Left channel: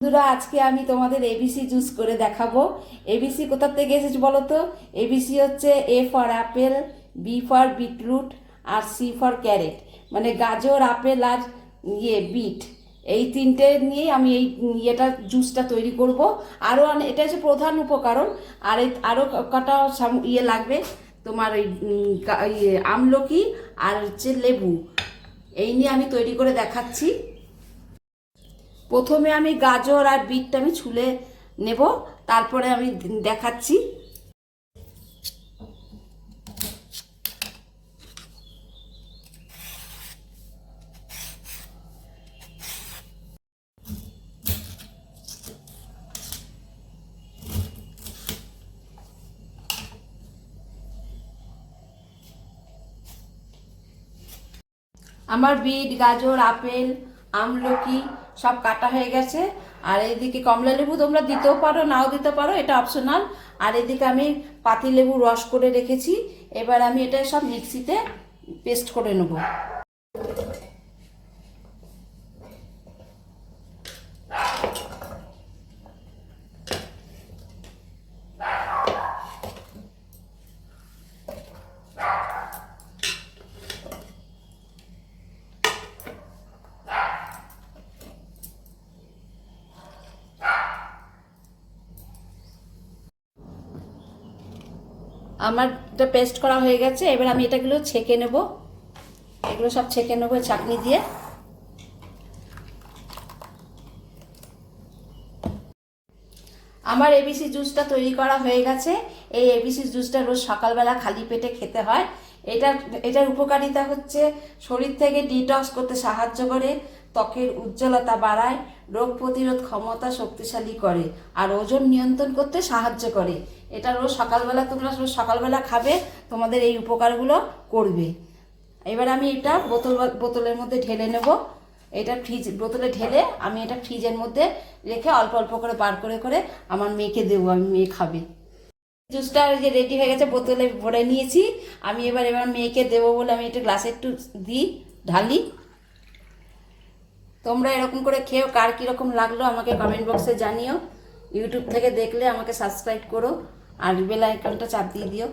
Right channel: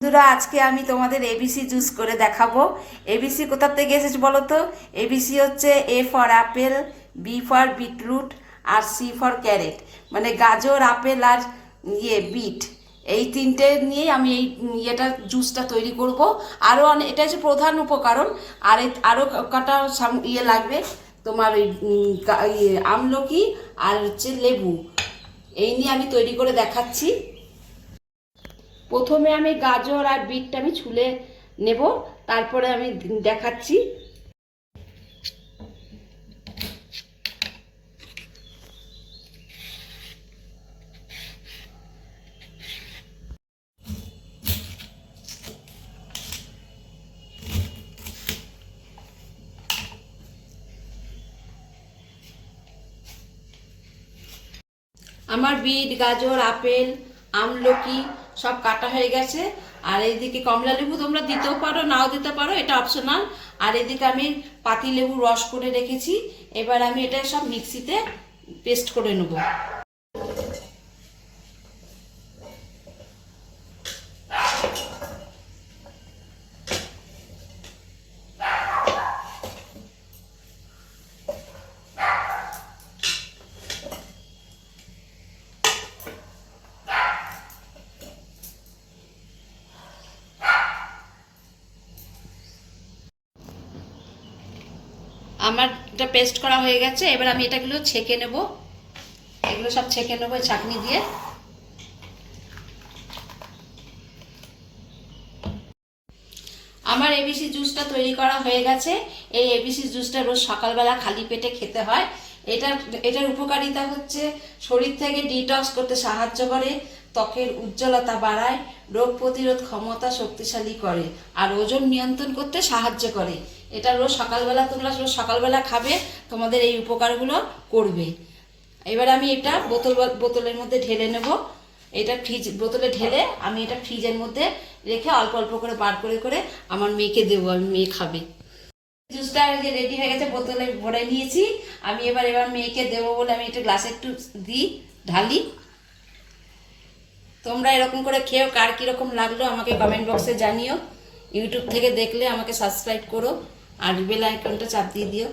বন্ধুরা, আজকে আমি তোমাদের এবিসি জুস করে দেখাবো। এবিসি কোথা থেকে এসেছে বলো তো? এবিসি হচ্ছে A for apple, B for beetroot, আর সি ফর ক্যারেট। মানে গাজর, আপেল আর বিট, এই তিনটে নিয়েই আমি এই জুসটা তৈরি করব। আরও এটা হচ্ছে প্রধান উপকরণ। আর আরও কটা লাগবে তোমার ওই আমলকি আর হচ্ছে লেবু। এই নিয়ে আমি তৈরি করে দেখাচ্ছি। প্রথমে আমি গাজর আর বিটটা আমি ছুলে নেব, তারপরে আমি দেখাচ্ছি। আমার বিট, গাজর, আপেল, আমলকি সব কাটা হয়ে গেছে। আর এইদিকে কমলা লেবু তোমরা দিতেও পারো, নাও দিতে পারো, এটা অপশনাল। আর এদিকে আমি পাতি লেবু রস করে রেখেছি। এবার আমি এটা সব মিক্সিতে পেস্ট করে নেব। আমার এটা পেস্ট করা হয়ে গেছে। এবার আমি এটাগুলো ছেঁকে নেব, এগুলো সব ছেঁকে নেবো চাটনি দিয়ে। আমার এবিসি জুসটা তৈরি করা হয়ে গেছে। এই এবিসি জুসটা রোজ সকালবেলা খালি পেটে খেতে হয়। এটার উপকারিতা হচ্ছে শরীর থেকে ডিটক্স করতে সাহায্য করে, ত্বকের উজ্জ্বলতা বাড়ায়, রোগ প্রতিরোধ ক্ষমতা শক্তিশালী করে, আর ওজন নিয়ন্ত্রণ করতে সাহায্য করে। এটা তোমরা রোজ সকালবেলা খাবে, তোমাদের এই উপকারগুলো করবে। এবার আমি এটা বোতলের মধ্যে ঢেলে নেব। এটা বোতলে ঢেলে আমি এটা ফ্রিজের মধ্যে রেখে অল্প অল্প করে বার করে করে আমার মেয়েকে দেবো, আমি মেয়ে খাবে। জুসটা রেডি হয়ে গেছে, বোতলে ভরে নিয়েছি। আমি এবার মেয়েকে দেবো বলে আমি এটা গ্লাসে একটু ঢালি। তোমরা এরকম করে খেয়েও, কার কীরকম লাগলো আমাকে কমেন্ট বক্সে জানিও। ইউটিউব থেকে দেখলে আমাকে সাবস্ক্রাইব করো আর বেল আইকনটা চাপ দিয়ে দিও।